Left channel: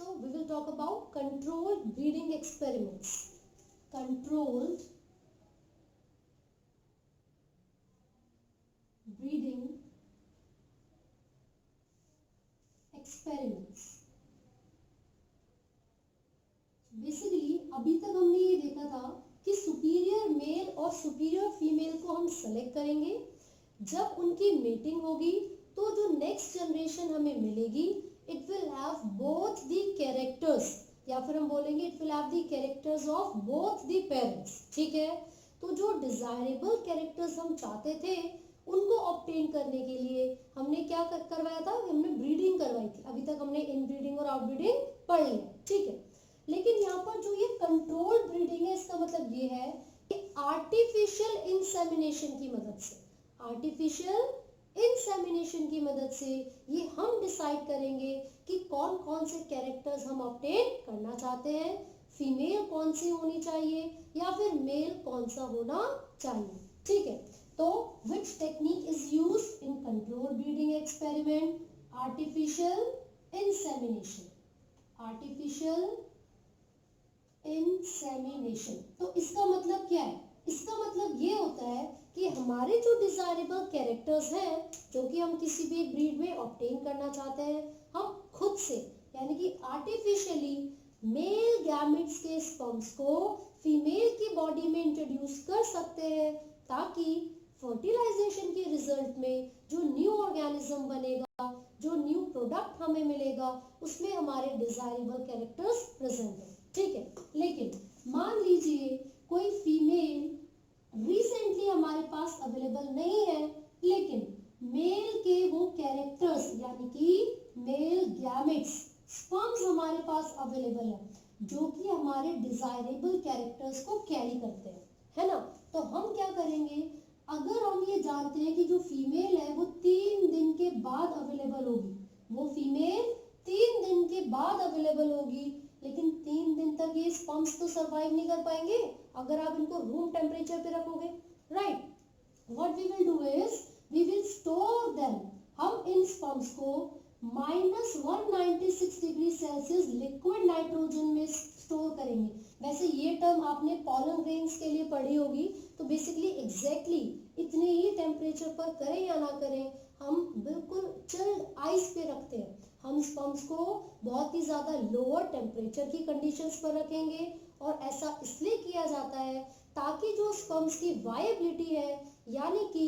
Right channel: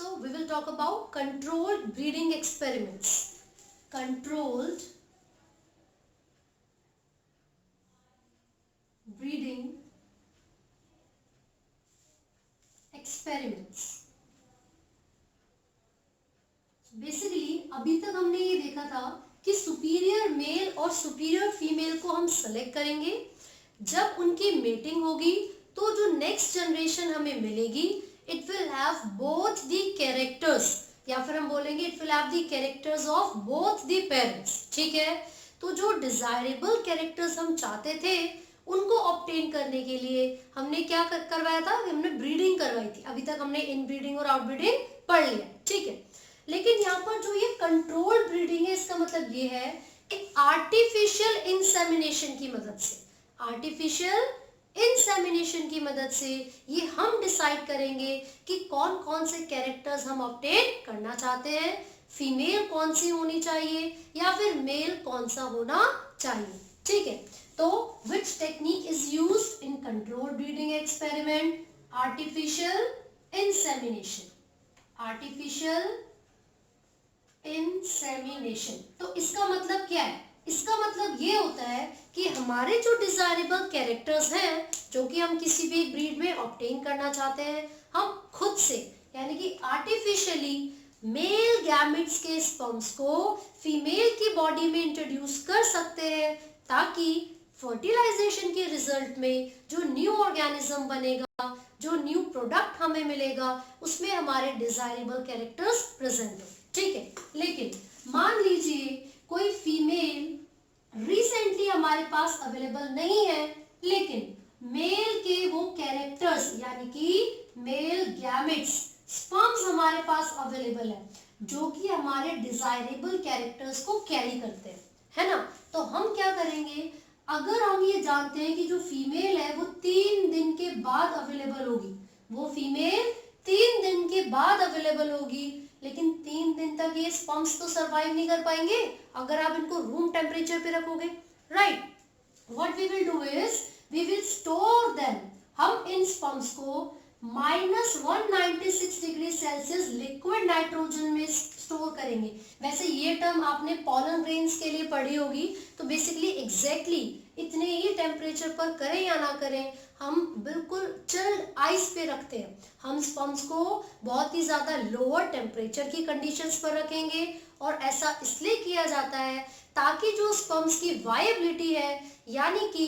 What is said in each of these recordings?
So we will talk about controlled breeding experiments. Controlled breeding experiments. Basically अभी तक हमने ये देखा था कि सुपीरियर मेल और सुपीरियर फीमेल को हम सेलेक्ट करेंगे. जब उनकी मेटिंग होगी तो जो नेक्स्ट जनरेशन हमें मिलेगी it will have both the characters, या फिर हम बोलेंगे it will have the characters of both the parents. ठीक है, तो जो डिजायरेबल कैरेक्टर्स हम चाहते थे उनको ऑब्टेन करने के लिए हमने क्या करवाया था, हमने ब्रीडिंग करवाई थी. अभी तक हमने इनब्रीडिंग और आउटब्रीडिंग पढ़ लिया. ठीक है, लेकिन यहाँ पर जो ये कंट्रोल्ड ब्रीडिंग है इसका मतलब ये है कि आर्टिफिशियल इंसेमिनेशन की मदद से, आर्टिफिशियल इंसेमिनेशन की मदद से ये हम डिसाइड करेंगे कि कौन कौन से कैरेक्टर्स हम ऑब्टेन करना चाहते हैं. फीमेल कौन सी होनी चाहिए या फिर मेल कौन सा होना चाहिए. ठीक है, तो which technique is used in controlled breeding experiment? Artificial insemination. Artificial insemination. तो इसका मतलब क्या है? इसका मतलब ये होता है कि हमारे जो डिजायरेबल कैरेक्टर्स हैं जो कि हम किसी भी एक ब्रीड में ऑब्टेन करना चाहते हैं, हम खुद से यानी कि आर्टिफिशियली मेल गैमेट्स के स्पर्म्स को फीमेल की बॉडी में इंट्रोड्यूस कर सकते हैं ताकि फर्टिलाइजेशन के रिजल्ट में जो न्यू ऑर्गेनिज्म बनेगा, जो न्यू प्रोडक्ट हमें मिलेगा, उसमें हमारे डिजायरेबल कैरेक्टर्स प्रेजेंट हो. ठीक है, लेकिन मान लीजिए कोई फीमेल रिसेंटली हमारे पास अवेलेबल नहीं है, लेकिन मेल के वो कैरेक्टर्स यानी कि मेल गैमेट्स स्पर्म्स हमारे पास अवेलेबल है जो कि हमारे डिजायरेबल कैरेक्टर्स को कैरी करते हैं, है ना. तो हम क्या करेंगे, अगर हम ये जानते हैं कि जो फीमेल है वो 3 दिन के बाद अवेलेबल होगी, वो फीमेल 3 दिन के बाद अवेलेबल होगी, लेकिन 3 दिन तक ये स्पर्म्स तो सरवाइव नहीं कर पाएंगे अगर आप इनको रूम टेम्परेचर पे रखोगे. Right, what we will do is we will store them. हम इन स्पर्म्स को -196 डिग्री सेल्सियस लिक्विड नाइट्रोजन में स्टोर करेंगे. वैसे ये टर्म आपने पॉलन ग्रेन्स के लिए पढ़ी होगी. तो बेसिकली एग्जैक्टली इतने ही टेम्परेचर पर करें या ना करें, हम बिल्कुल चिल्ड आइस पे रखते हैं. हम स्पर्म्स को बहुत ही ज्यादा लोअर टेम्परेचर की कंडीशंस पर रखेंगे और ऐसा इसलिए किया जाता है ताकि जो स्पर्म्स की वायबिलिटी है यानी कि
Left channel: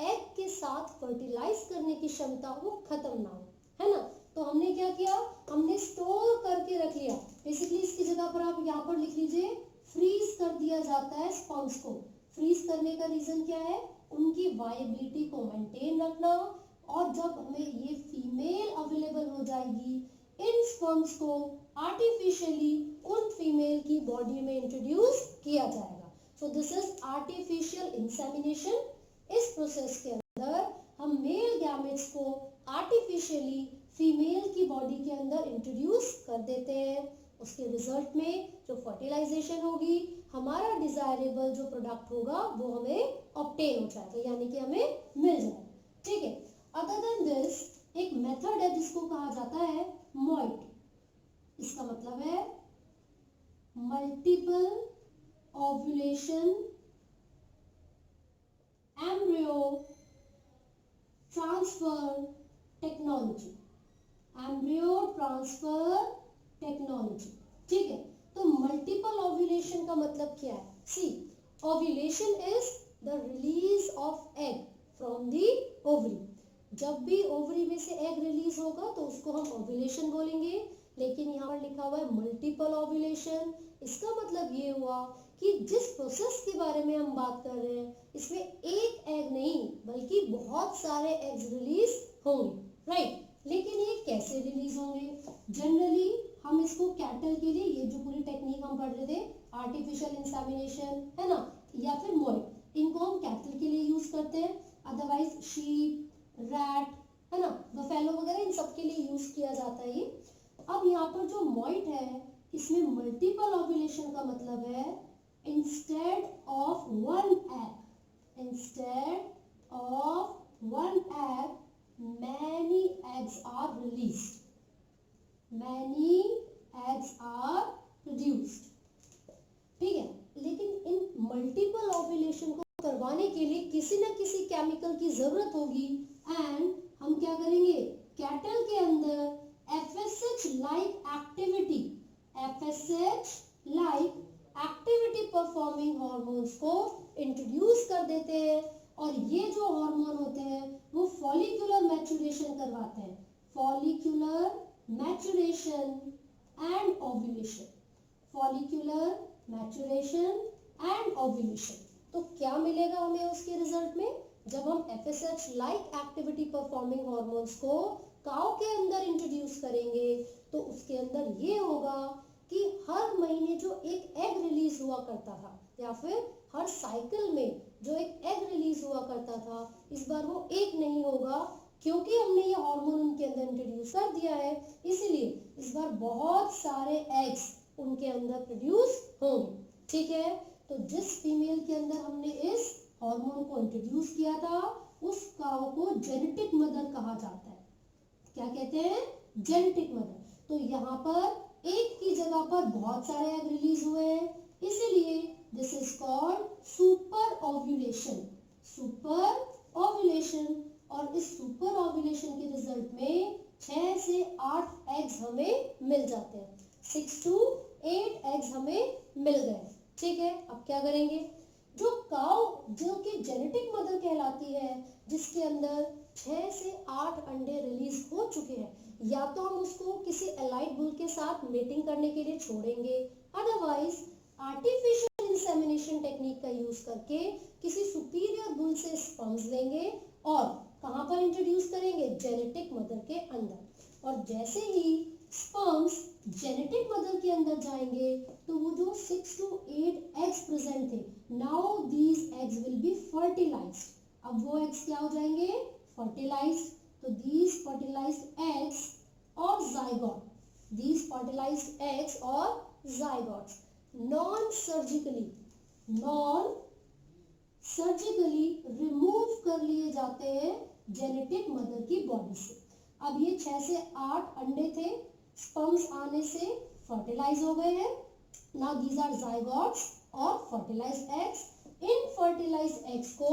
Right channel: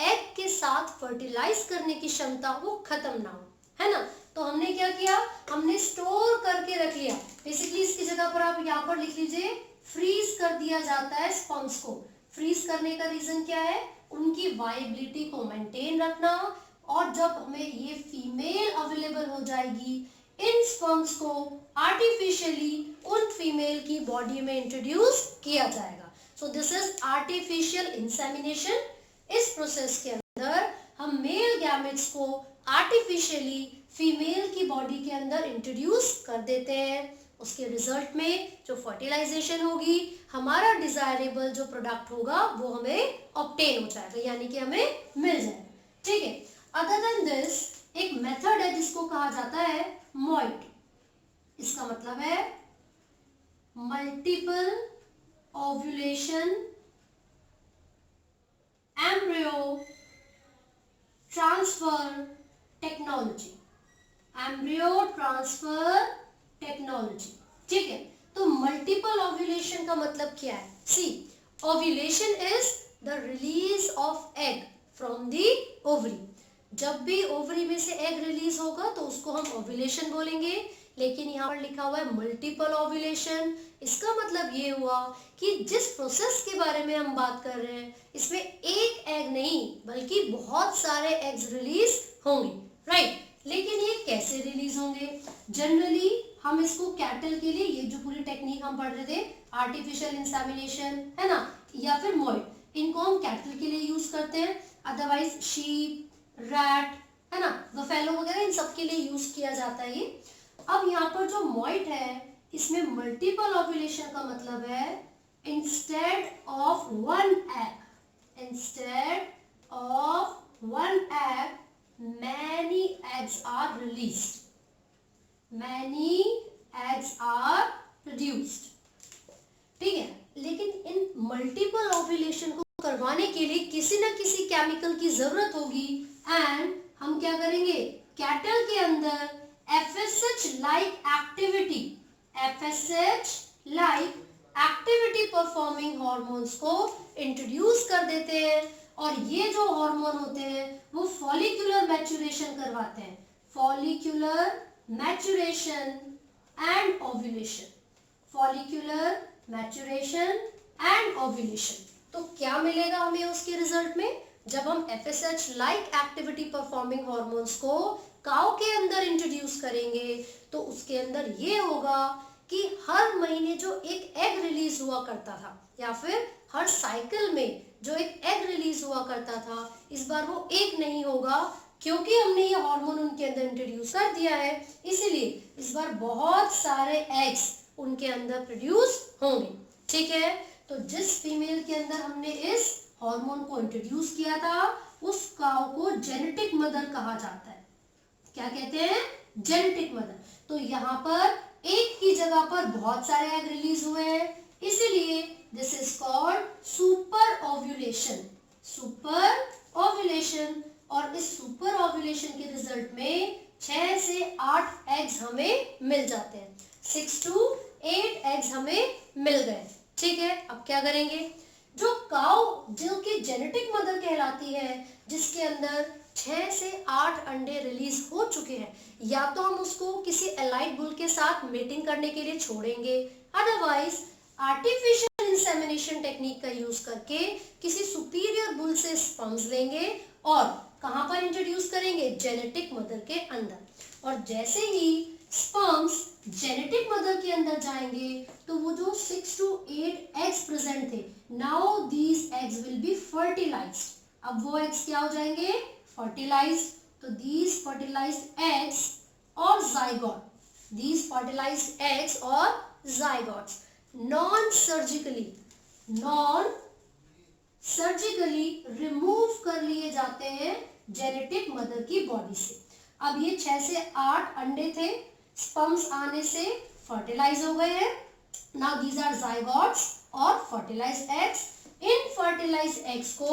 एग के साथ फर्टिलाइज करने की क्षमता वो खत्म ना हो, है ना. तो हमने क्या किया, हमने स्टोर करके रख लिया. बेसिकली इसकी जगह पर आप यहाँ पर लिख लीजिए फ्रीज कर दिया जाता है स्पर्म्स को. फ्रीज करने का रीजन क्या है, उनकी वायबिलिटी को मेंटेन रखना, और जब हमें ये फीमेल अवेलेबल हो जाएगी इन स्पर्म्स को आर्टिफिशियली उन फीमेल की बॉडी में इंट्रोड्यूस किया जाएगा. सो दिस इज आर्टिफिशियल इंसेमिनेशन. इस प्रोसेस के अंदर हम मेल गैमेट्स को आर्टिफिशियली फीमेल की बॉडी के अंदर इंट्रोड्यूस कर देते हैं. उसके रिजल्ट में जो फर्टिलाइजेशन होगी, हमारा डिजायरेबल जो प्रोडक्ट होगा वो हमें ऑब्टेन हो जाएगा यानी कि हमें मिल जाएगा. ठीक है, अदर देन दिस एक मेथड है जिसको कहा जाता है मॉइट. इसका मतलब है multiple ovulation embryo transfer technology. Embryo transfer technology. ठीक है, तो मल्टीपल ओव्यूलेशन का मतलब क्या है? See, ovulation is the release of egg from the ovary. जब भी ओवरी में से एग रिलीज होगा तो उसको हम ओव्यूलेशन बोलेंगे, लेकिन यहाँ पर लिखा हुआ है मल्टीपल ओव्यूलेशन. इसका मतलब ये हुआ कि जिस प्रोसेस के बारे में हम बात कर रहे हैं इसमें एक एग नहीं बल्कि बहुत सारे एग्स रिलीज होंगे. राइट, लेकिन ये कैसे रिलीज होंगे? जनरली हम इसको कैटल के लिए, ये जो पूरी टेक्निक हम पढ़ रहे थे आर्टिफिशियल इंसेमिनेशन है ना, या फिर मॉइट, इनको हम कैटल के लिए यूज करते हैं. अदरवाइज शीप, रैट है ना, बफेलो वगैरह इन सब के लिए यूज किया जाता है ये. अब यहाँ पर जो मॉइट है इसमें मल्टीपल ओव्यूलेशन का मतलब है instead of one egg many eggs are released. Many eggs are produced. ठीक है, लेकिन इन मल्टीपल ओव्यूलेशन को करवाने के लिए किसी न किसी केमिकल की जरूरत होगी एंड हम क्या करेंगे, कैटल के अंदर FSH like activity performing hormones को इंट्रोड्यूस कर देते हैं और ये जो हार्मोन होते हैं वो फॉलिक्यूलर मैच्योरेशन करवाते हैं, follicular maturation and ovulation, follicular maturation and ovulation. तो क्या मिलेगा हमें उसके रिजल्ट में, जब हम FSH like activity performing hormones को काऊ के अंदर इंट्रोड्यूस करेंगे तो उसके अंदर ये होगा कि हर महीने जो एक एग रिलीज हुआ करता था या फिर हर साइकिल में जो एक एग रिलीज हुआ करता था, इस बार वो एक नहीं होगा क्योंकि हमने ये हार्मोन उनके अंदर इंट्रोड्यूस कर दिया है, इसीलिए इस बार बहुत सारे एग्स उनके अंदर प्रोड्यूस होंगे। ठीक है, तो जिस फीमेल के अंदर हमने इस हार्मोन को इंट्रोड्यूस किया था उस काऊ को जेनेटिक मदर कहा जाता है। क्या कहते हैं, जेनेटिक मदर। तो यहाँ पर एक की जगह पर बहुत सारे एग रिलीज हुए हैं, इसीलिए this is called super ovulation, super ovulation. और इस सुपर ओव्यूलेशन के रिजल्ट में 6 से 8 एग्स हमें मिल जाते हैं, 6 to 8 एग्स हमें मिल गए। ठीक है, अब क्या करेंगे, जो काऊ जो कि जेनेटिक मदर कहलाती है, जिसके अंदर 6 से 8 अंडे रिलीज हो चुके हैं, या तो हम उसको किसी एलाइड बुल के साथ मेटिंग करने के लिए छोड़ेंगे, अदरवाइज आर्टिफिशियल इंसेमिनेशन टेक्निक का यूज करके किसी सुपीरियर बुल से स्पर्म्स लेंगे और कहां पर इंट्रोड्यूस करेंगे, जेनेटिक मदर के अंदर। और जैसे ही स्पर्म्स जेनेटिक मदर के अंदर जाएंगे तो वो जो 6 to 8 एग्स प्रेजेंट थे, now these eggs will be fertilised. अब वो एग्स क्या हो जाएंगे, फर्टिलाइज्ड। तो दीज फर्टिलाइज्ड एग्स और जाइगोट, दीज फर्टिलाइज्ड एग्स और जाइगोट्स नॉन सर्जिकली रिमूव कर लिए जाते हैं जेनेटिक मदर की बॉडी से। अब ये 6 से 8 अंडे थे, स्पर्म्स आने से फर्टिलाइज हो गए हैं, नाउ दीज आर जाइगोट्स और फर्टिलाइज्ड एग्स। इन फर्टिलाइज्ड एग्स को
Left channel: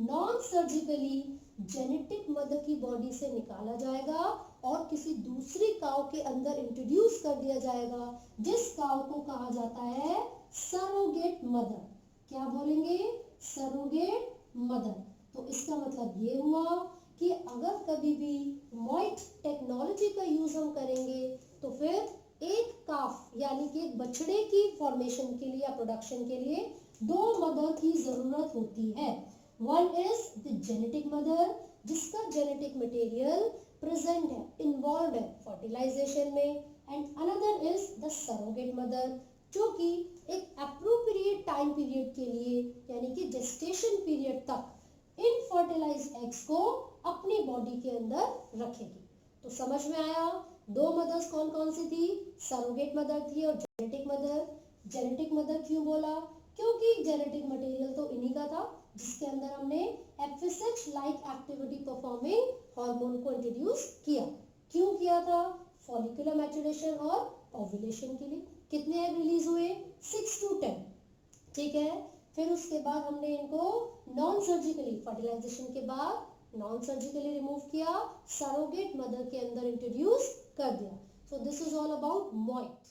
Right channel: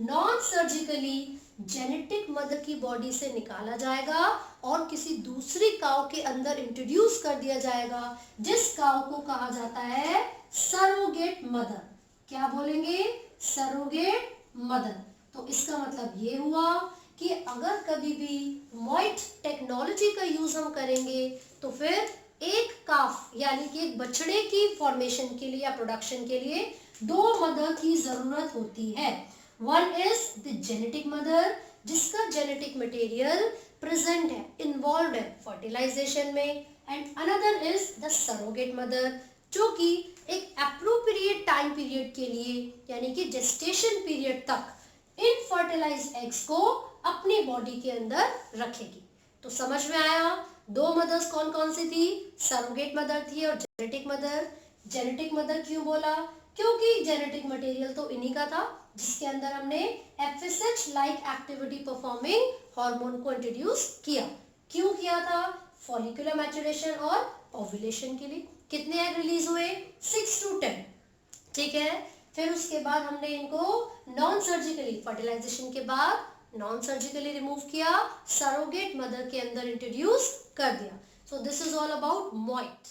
नॉन सर्जिकली जेनेटिक मदर की बॉडी से निकाला जाएगा और किसी दूसरी काऊ के अंदर इंट्रोड्यूस कर दिया जाएगा, जिस काऊ को कहा जाता है सरोगेट मदर। क्या बोलेंगे, सरोगेट मदर। तो इसका मतलब ये हुआ कि अगर कभी भी मॉइट टेक्नोलॉजी का यूज हम करेंगे तो फिर एक काफ यानी कि एक बछड़े की फॉर्मेशन के लिए या प्रोडक्शन के लिए 2 मदर की जरूरत होती है। One is the genetic mother, जिसका जेनेटिक मटेरियल प्रेजेंट है, इन्वॉल्व है फर्टिलाइजेशन में, and another is the surrogate mother, जो कि एक एप्रोप्रिएट टाइम पीरियड के लिए यानी कि जेस्टेशन पीरियड तक इन फर्टिलाइज्ड एग्स को अपनी बॉडी के अंदर रखेगी। तो समझ में आया, 2 मदर्स कौन कौन सी थी, सरोगेट मदर थी और जेनेटिक मदर। जेनेटिक मदर क्यों बोला, क्योंकि जेनेटिक मटेरियल तो इन्हीं का था जिसके अंदर हमने FSH like activity performing hormone को इंट्रोड्यूस किया। क्यों किया था, फॉलिकुलर मैच्योरेशन और ओव्यूलेशन के लिए। कितने एग रिलीज हुए, 6 to 10। ठीक है, फिर उसके बाद हमने इनको नॉन सर्जिकली फर्टिलाइजेशन के बाद नॉन सर्जिकली रिमूव किया, सरोगेट मदर के अंदर इंट्रोड्यूस कर दिया। So this is all about मॉइट।